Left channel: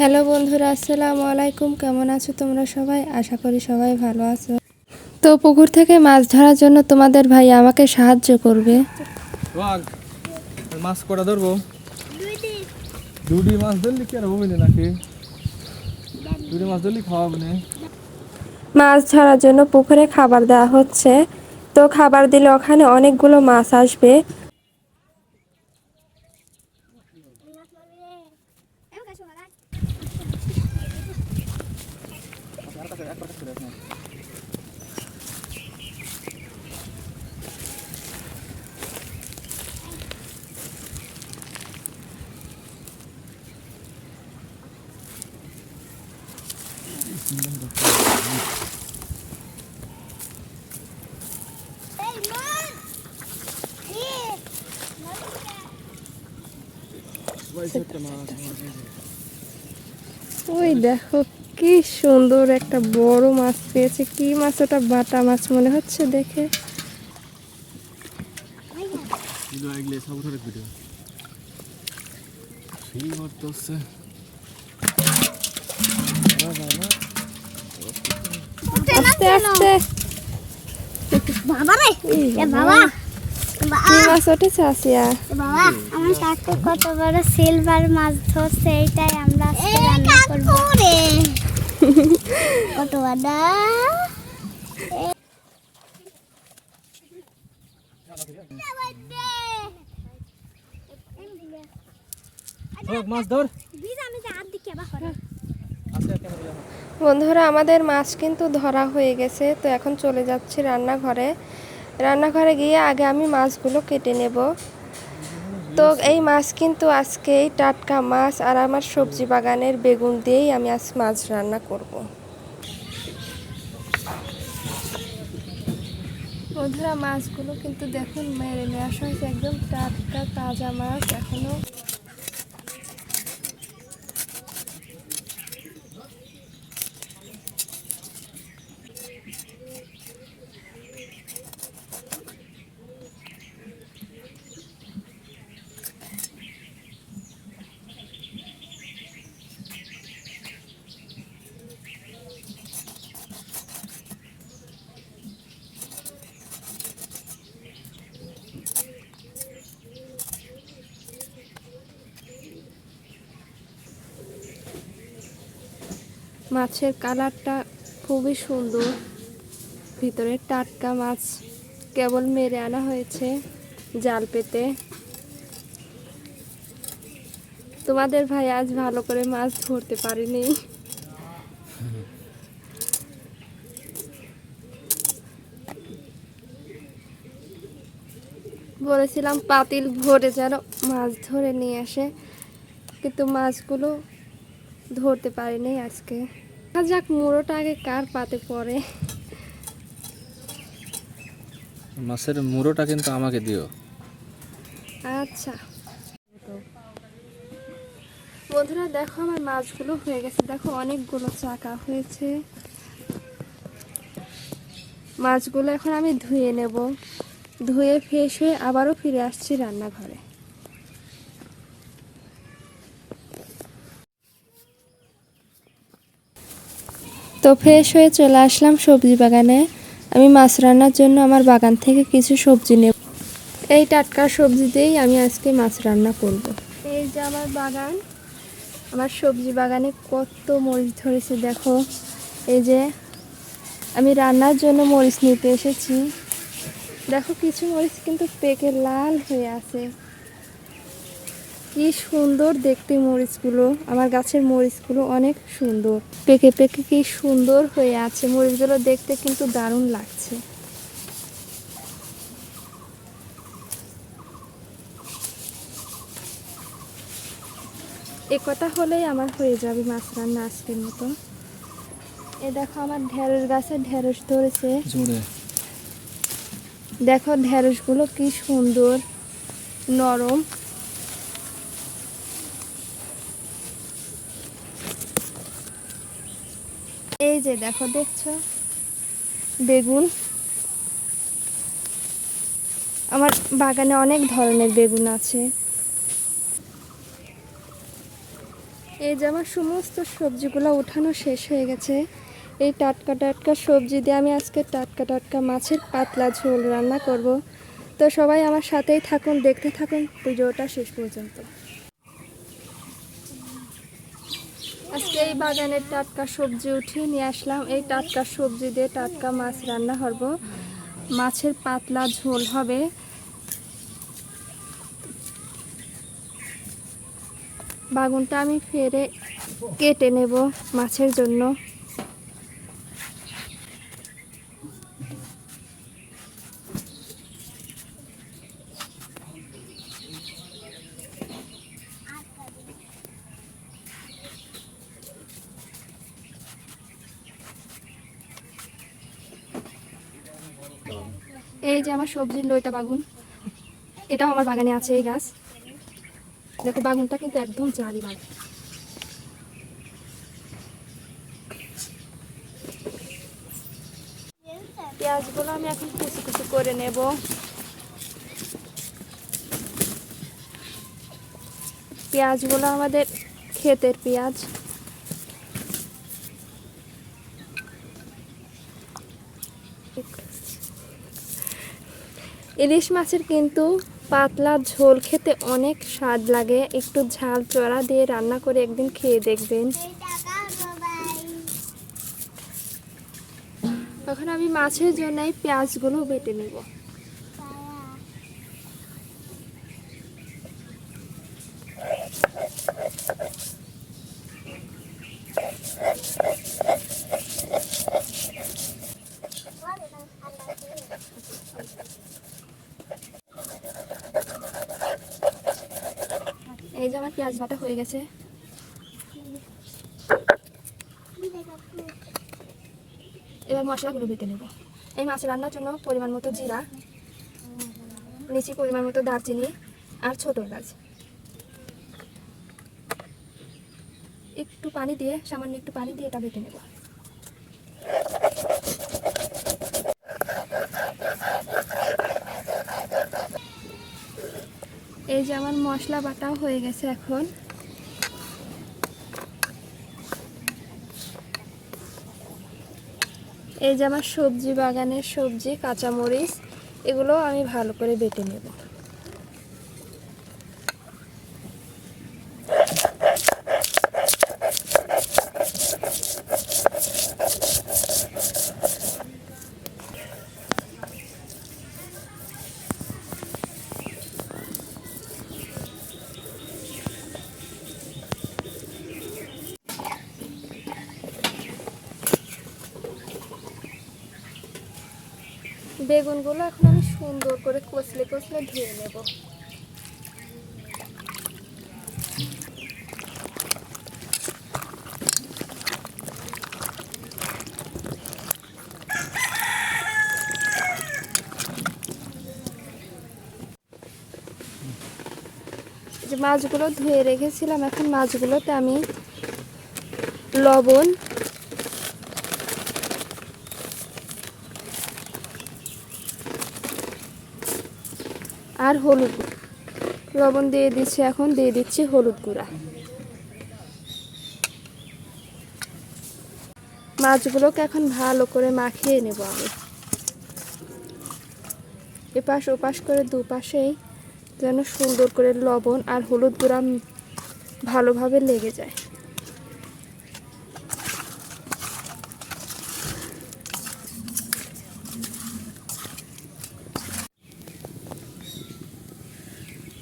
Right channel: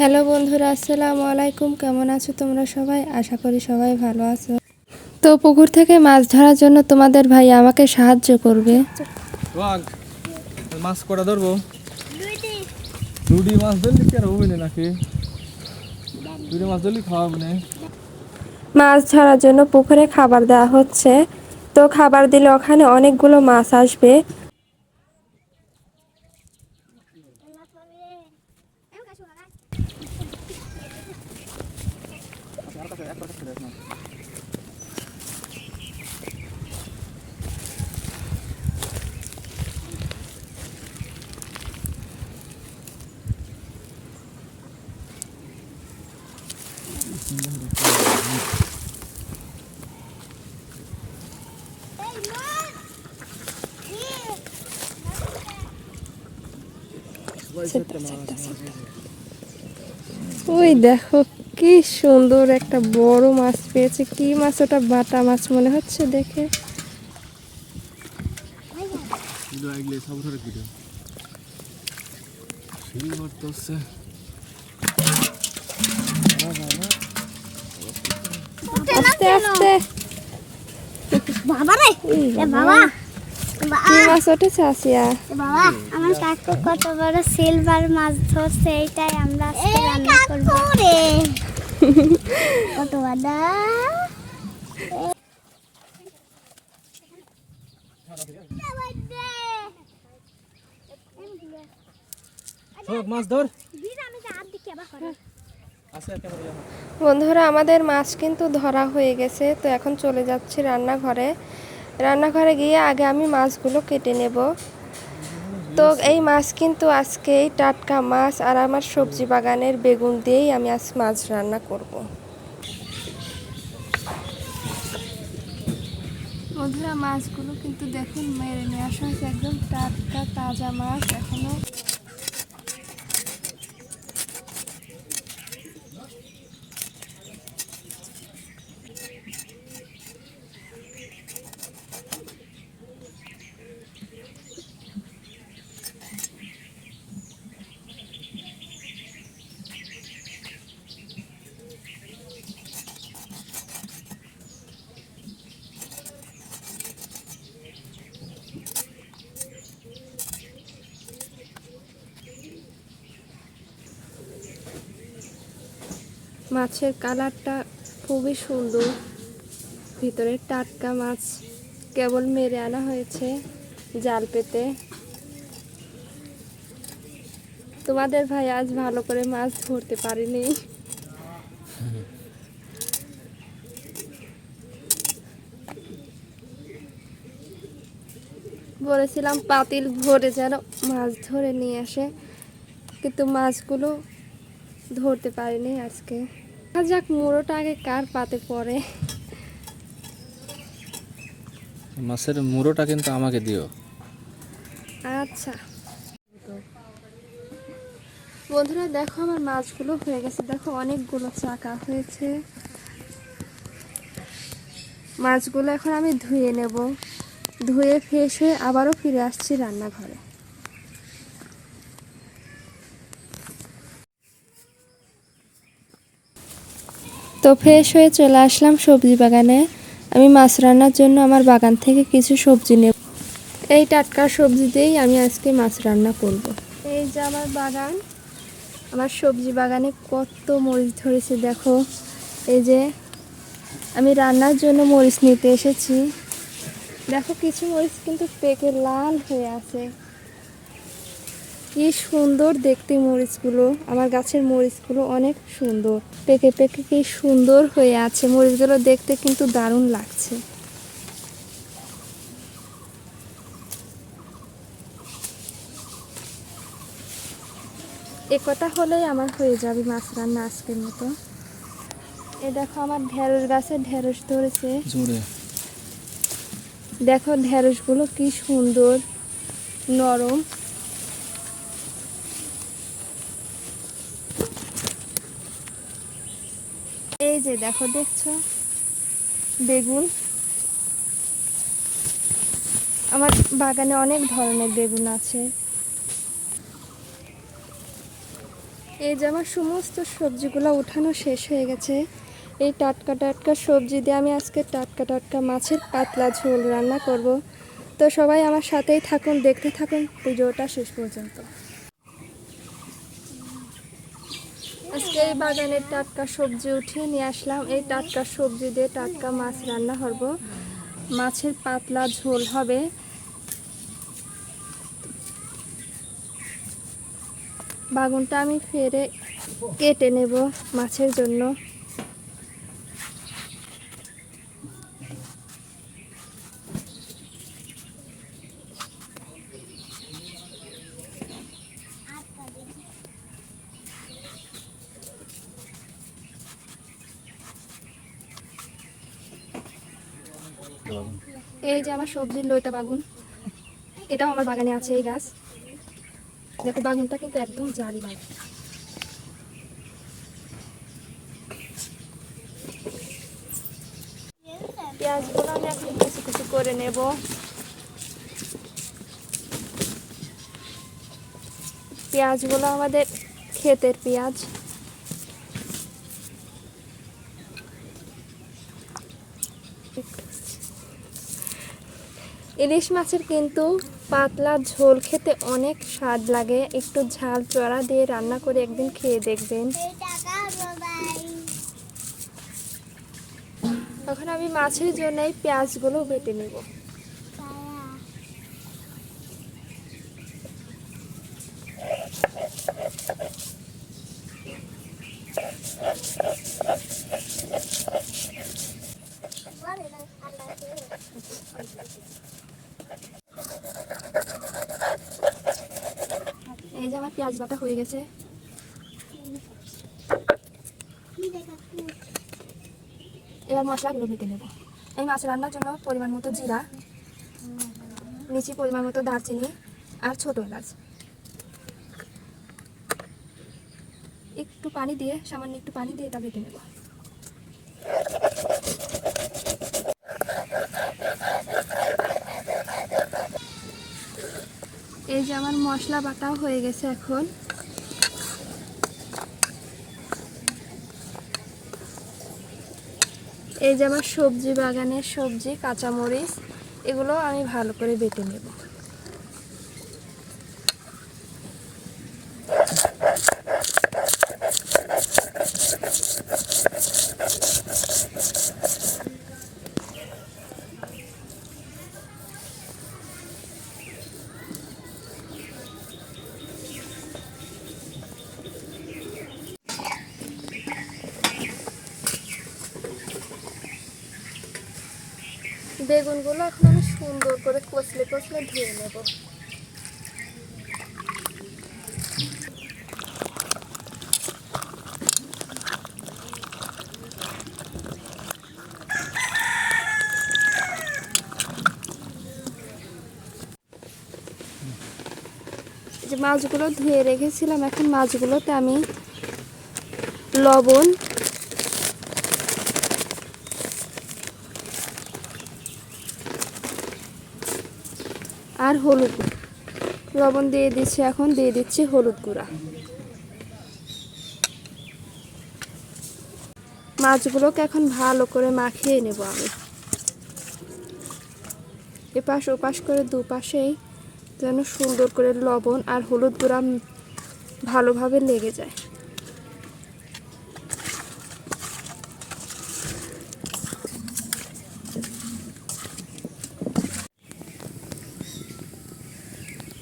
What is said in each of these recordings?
Hello বন্ধুরা, আসসালামু আলাইকুম। কেমন আছো তোমরা সবাই? আশা করি সবাই ভালো আছো। তো পুকুর থেকে মাছ ধরার জন্য তোমাদের ভাই আমাকে সাহায্য করবে। মাছ কটা ধরবো? দুটি মাছ ধরলি কি আর হবে না নাকি? দুটি মাছ ধরলি খাওয়াবো না? মাছ ধরার জন্য পুকুরে খাবার দেওয়া হচ্ছে। তো খাবার দিলে ওখানে অনেকগুলো মাছ আসবে। ওই দেখো কি সুন্দর একটা বড় মাছ পেয়েছে। কি মাছ ওটা? বাটা মাছ মনে হচ্ছে দেখে। আস্তে আস্তে। কি মাছ উঠেছে আসিয়া? বাবা, আমার কাকু কত বড় সিলভার মাছ ধরছে, এইটাই আমরা আজকে রান্না করব। কত বড়! মাছ ধর। বন্ধুরা, আমাদের মাছ কিন্তু ধরা হয়ে গেছে। তো এখন চলে যাচ্ছি রান্নাঘরে। রান্নাঘরে গিয়ে আগে আমি মাছগুলো কেটে নেব। তো এই মাছ কিন্তু আজকেই টাটকা মাছ, আর আমার সবজি বাগানের বেগুন দিয়েই আমি আজ মাছ রান্না করব। বন্ধুরা, মাছগুলো কিন্তু দেখুন মেরে নিয়ে আসা হয়েছে, একদম টাটকা তাজা মাছ এখনো। মাছের কালারটা খুবই সুন্দর, ভিতরে টাটকা মাছ কেবল মেরে আনা হয়েছে জাল পেতে। তোমাদের ভাই আজ ভালো করে মাছ ধরতে পারেনি। বলেছিলাম পাতিল ভরে যেন মাছ ধরে নিয়ে আসে, কিন্তু মাছগুলো ধরতে পারিনি আজকে। যাক, মুড়োটা আগে কার পাতে পড়ে। মাছের মুড়োটা কিন্তু আমাকে দিও। আচ্ছা বন্ধুরা, দেখো আমার মাছগুলো হয়ে গেছে। দেখো অনেকগুলো চাকা হয়েছে। মাছগুলো এখন আমি ধুয়ে নেব। ধুয়ে ফ্রেশ হয়ে আবারও ফিরে আসছি রান্নাঘরে। তো ফ্রেশ হয়ে চলে আসলাম সবজি বাগানে। আমি মাছ রান্নার জন্য আমার বাগান থেকে কিছু সবজি নেব। এই টাটকা সবজি দিয়েই আমি আজকে মাছ রান্না করব। এই যে আমার বাগান, আমার সবজি বাগানে কত মরিচ ধরেছে দেখো। এই যে আমি রান্নার জন্য মরিচ নিতে এসেছি। দেখো কিছু মরিচ কিন্তু পেকে লাল হয়ে আছে। কি সুন্দর দেখতে মরিচগুলো। আমার গাছের মরিচগুলো অনেক সুন্দর, পেকে পেকে কি সুন্দর হয়ে আছে। মরিচগুলো দেখতে কিন্তু দারুণ লাগছে। এ কথা হলেই আমার হয়ে যাবে মাছ রান্না আজকের মতো। এই দেখো আমার ঢেঁড়স গাছে ঢেঁড়স ধরেছে। দেখো ঢেঁড়সগুলো কি সুন্দর নরম। এই যে দেখো, দেখছো বেগুন। আমার বাগানে অনেক ধরনের বেগুন আছে। এই যে আমার সমস্ত সবজিগুলো উঠানো শেষ হয়ে গেছে। এই টাটকা টাটকা সবজি দিয়ে আমি আজকে টাটকা টাটকা মাছের পাতলা ঝোল রান্না করব। তো সবাই আমার সাথেই থাকুন, দেখতে থাকুন ভিডিওটা শেষ পর্যন্ত। আজকে এই বাগানের টাটকা সবজি উঠিয়ে নিয়ে আসলাম। এই টাটকা সবজি দিয়ে টাটকা মাছ রান্না করব, মাছের পাতলা ঝোল হবে। বাগুনটা আমি ফেরে কেটে নেব মাছের জন্য। এই যে আমার সবজির লইতা বাগুন, এটাও আমার বাগানে আছে এই গাছ। দেখো বাগুনটা কিন্তু একদম জারি বাগুন। পেঁয়াজগুলো আমি এখন কুচি কুচি করে নেব। পেঁয়াজগুলো আমাদের ক্ষেতের পেঁয়াজ। ইলিশ মাছের কিন্তু পাতলা ঝোল খেতে অনেক স্বাদ লাগে। একটু ঝাল চড়া দিয়ে রান্না করে একদিন খেয়ে দেখবেন। এখন আমি মাছের জন্য এই পেঁয়াজগুলো বেটে নেব। এই যে আমার পেঁয়াজ বাটা হয়ে গেছে। এবার মশলাগুলো বেটে নেব। এই মাছ রান্নার জন্য পরিমাণ মতো জিরা নিচে, পরিমাণ মতো দারচিনি আর ছোট এলাচ। একটু পানি দিয়ে, সামান্য একটু পানি দিয়ে এটা বেটে নেব। এই যে আমার মশলা বাটাও হয়ে গেছে। এখন এই যে আমার সবজি বাগানের সবজি, কাঁচামরিচ, এগুলো আমি ভালো করে বেটে নেব। বেগুনগুলো এখন আমি সুন্দর করে কচলে কচলে ধুয়ে নেব। যে মাছগুলো ধুয়ে রেখেছিলাম, এখন মাছগুলোতে আমি লবণ আর হলুদ, লবণ দিয়ে দিচ্ছি, এখন দিয়ে দিচ্ছি হলুদ গুঁড়া। মাছগুলোকে এখন ভালো করে মাখিয়ে নেব আমি। এপাশ ওপাশ করে দুপাশেই যেন সুন্দর করে লবণ আর হলুদ গুঁড়া ভালোভাবে লেগে যায়।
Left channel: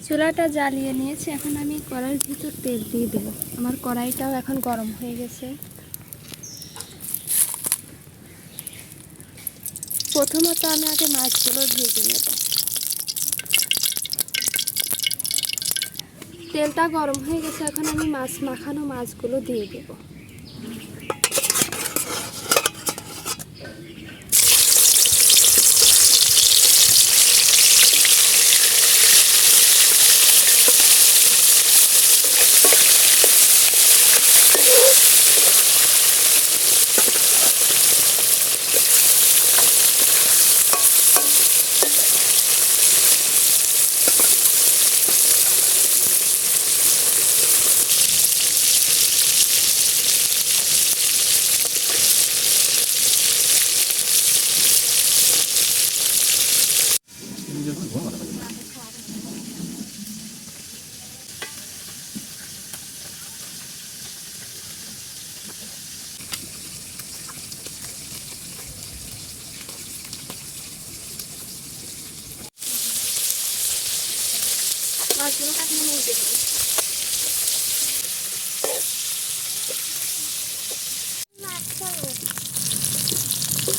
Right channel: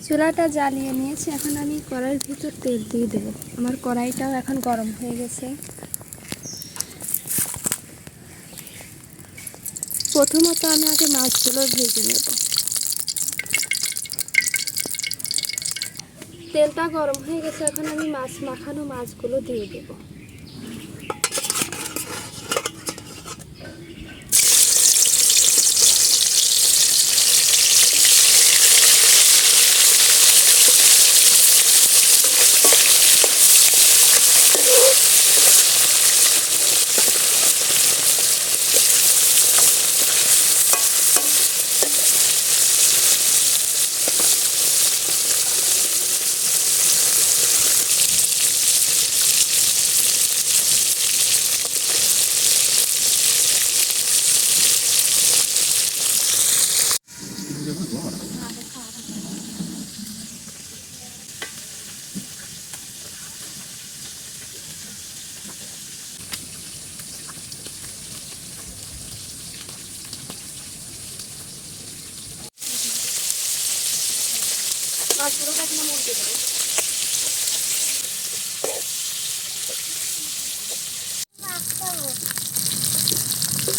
চুলাটা জ্বালিয়ে নিয়েছি, এখন আমি কড়াইয়ের ভিতর তেল দিয়ে দেবো। আমার কড়াইটাও এখন গরম হয়ে গেছে। প্রথমত আমি আগে মাছগুলো ভেজে নেব। তেলটা গরম হয়ে গেছে, এখন আমি মাছ মাখানো মাছগুলো দিয়ে দেব।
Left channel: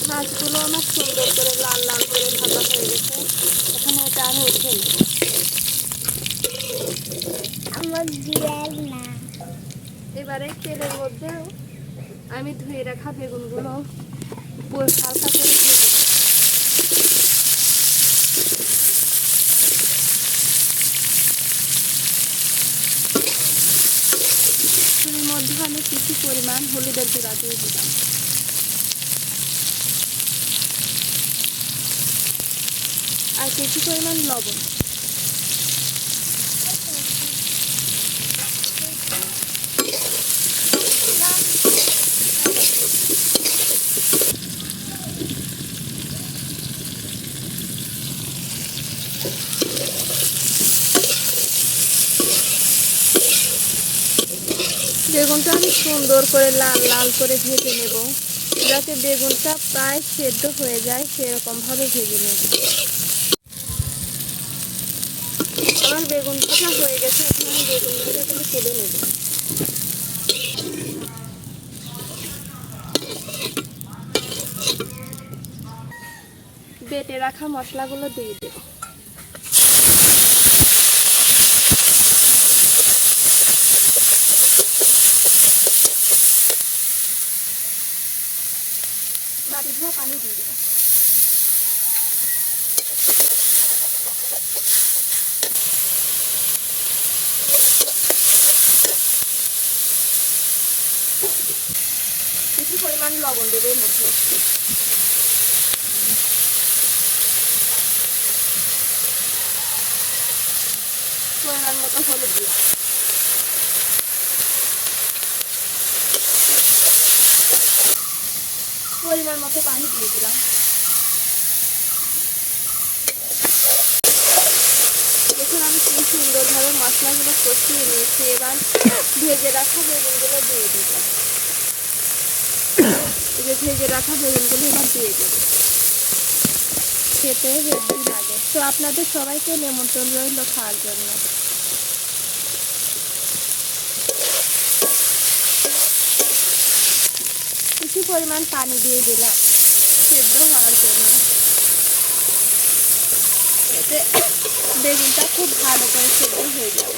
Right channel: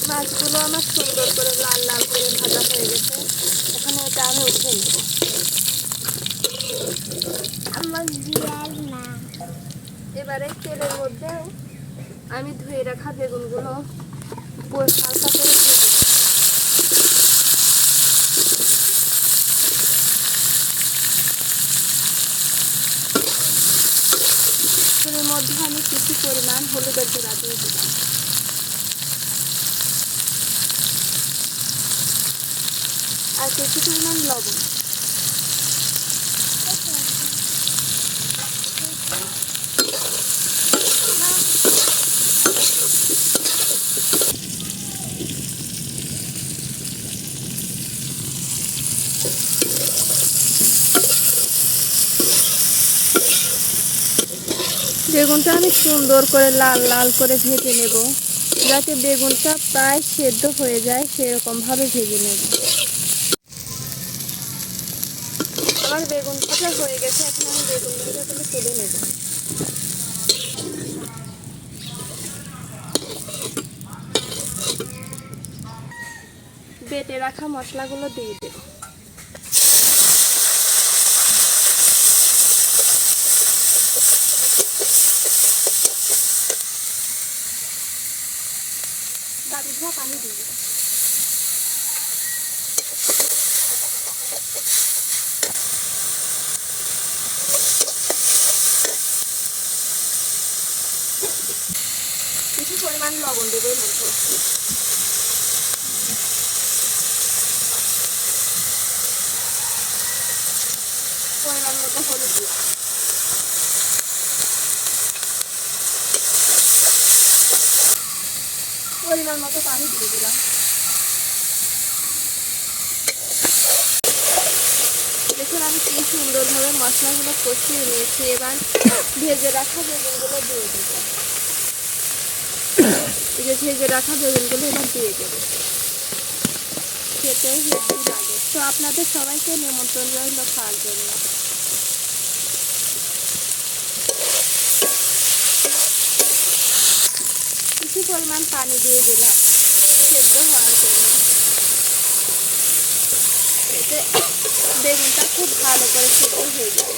মাছগুলো আমার সুন্দর করে লাল লাল করে ভাজা হয়ে গেছে। এখন এটা আমি উঠে নেব। আমার বিয়ার না। এবারে তেলের মধ্যে আমি ধুয়ে রাখা বেগুনগুলো হালকা করে ভেজে নেব। এর মধ্যে আমি কিছু পরিমাণ হলুদের গুঁড়া দিয়ে দিলাম। আর কিছু পরিমাণ লবণ। বেগুনটা আমি সুন্দর করে লাল লাল করে ভেজে নেব, যাতে বেগুনটা প্রায় সেদ্ধ হয়ে যায় সেরকম ভাবে ভেজে নেব। আমার বেগুন ভাজা হয়ে গেছে, এখন আমি বেগুনগুলো তুলে নেব। বেটে রাখা মশলাগুলো দিয়ে দেব। পানি দিয়ে দেব। কিছু পরিমাণ লবণ দেবো এর মধ্যে। পরিমাণ মতো হলুদ দিলাম। পরিমাণ মতো পানি দিয়ে দিলাম। দেখুন আমি কি সুন্দরভাবে মশলাগুলো কষিয়ে নিয়েছি। এবার ভেজে রাখা বেগুনগুলো দিয়ে দেব। এই যে ভেজে রাখা বেগুনগুলো এবার দিয়ে দেবো। খেতে হেভি লাগে। তো আপনাদের সবাইকে নিমন্ত্রণ রইল খাওয়ার জন্য। কিছু পরিমাণ পানি দিয়ে দিলাম সেদ্ধ হওয়ার জন্য। এতে বেগুনটা খুব ভালো করে সেদ্ধ হয়ে যাবে।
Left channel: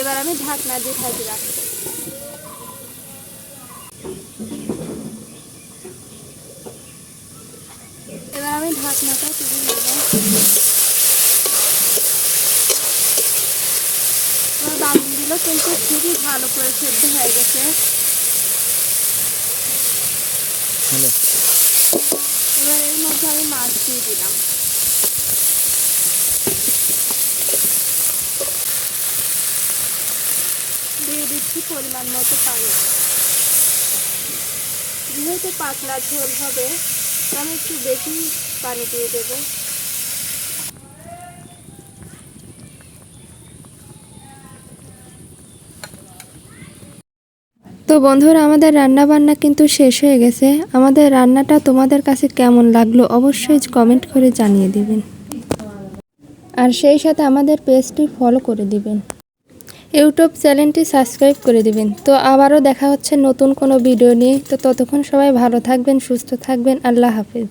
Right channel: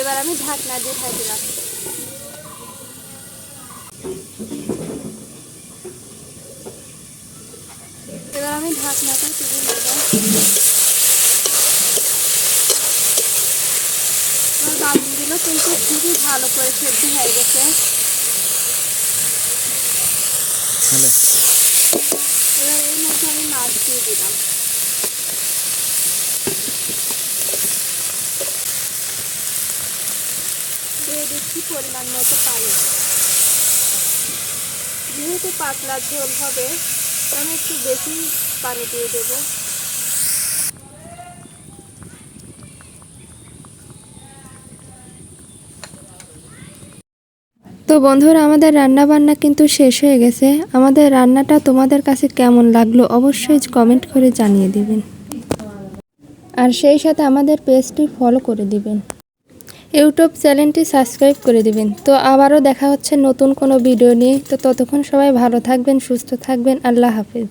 এবার আমি ঢাকনা দিয়ে ঢেকে রাখবো। এবার আমি ঢাকনাটা তুলে নেব। আমার বাগুনগুলো কিন্তু খুবই ভালো করে সেদ্ধ হয়ে গেছে। এবার এর মধ্যে আমি মাছ দিয়ে দিলাম। দিয়ে দিচ্ছি পরিমাণ মতো পানি। যেহেতু পাতলা ঝোল হবে আমি একটু বেশি পানি দিয়ে দেব। তো বন্ধুরা আমাদের রান্না বান্না কিন্তু শেষ হয়ে গেছে। আমাদের রান্নাটা তোমাদের কাছে কেমন লাগলো অবশ্যই কমেন্ট করে জানিয়ে দিবেন। আর সেই সাথে আমাদের পেজটি ফলো করে দিবেন। ইউটিউব চ্যানেলটি সাবস্ক্রাইব করে দিবেন। তো আবারও দেখা হচ্ছে নতুন কোনো ভিডিও নিয়ে। তো ততক্ষণ সবাই ভালো থাকবেন, সুস্থ থাকবেন। আল্লাহ হাফেজ।